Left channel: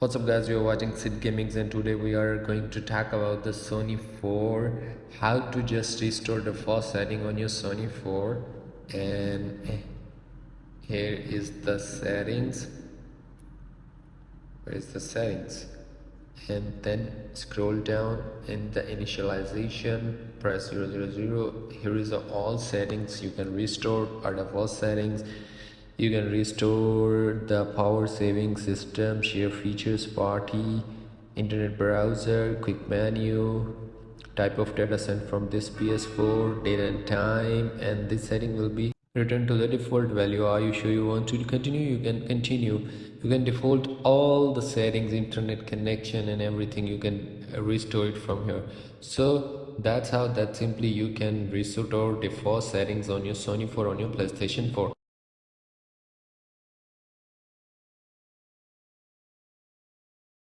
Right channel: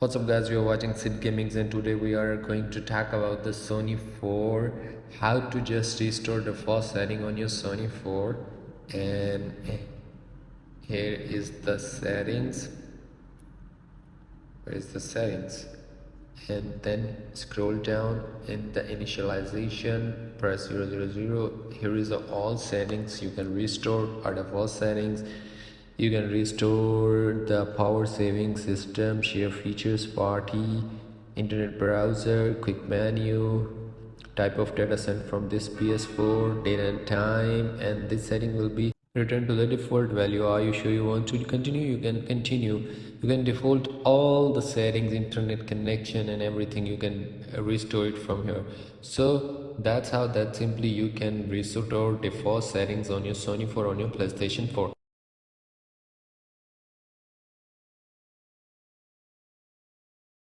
What's up guys, you are watching Sid Gamings and today we are going to talk about the Sony 4, how to just restore the first setting on your Sony 4. And here is the settings. Where is the settings? And then scroll down in the initialization, press 000. Here is the all settings you can restore are the first settings. You can restore the power saving system, share features, party, internet browser, quick menu, type of data sent from this PS4, date and time, and this setting will be return to the default value. Are you sure you want to continue? You can continue. You can default all the settings, internet connection and everything. You can restore it from here. So that's how that simply you can restore default settings on your Sony 4 on your PlayStation 4.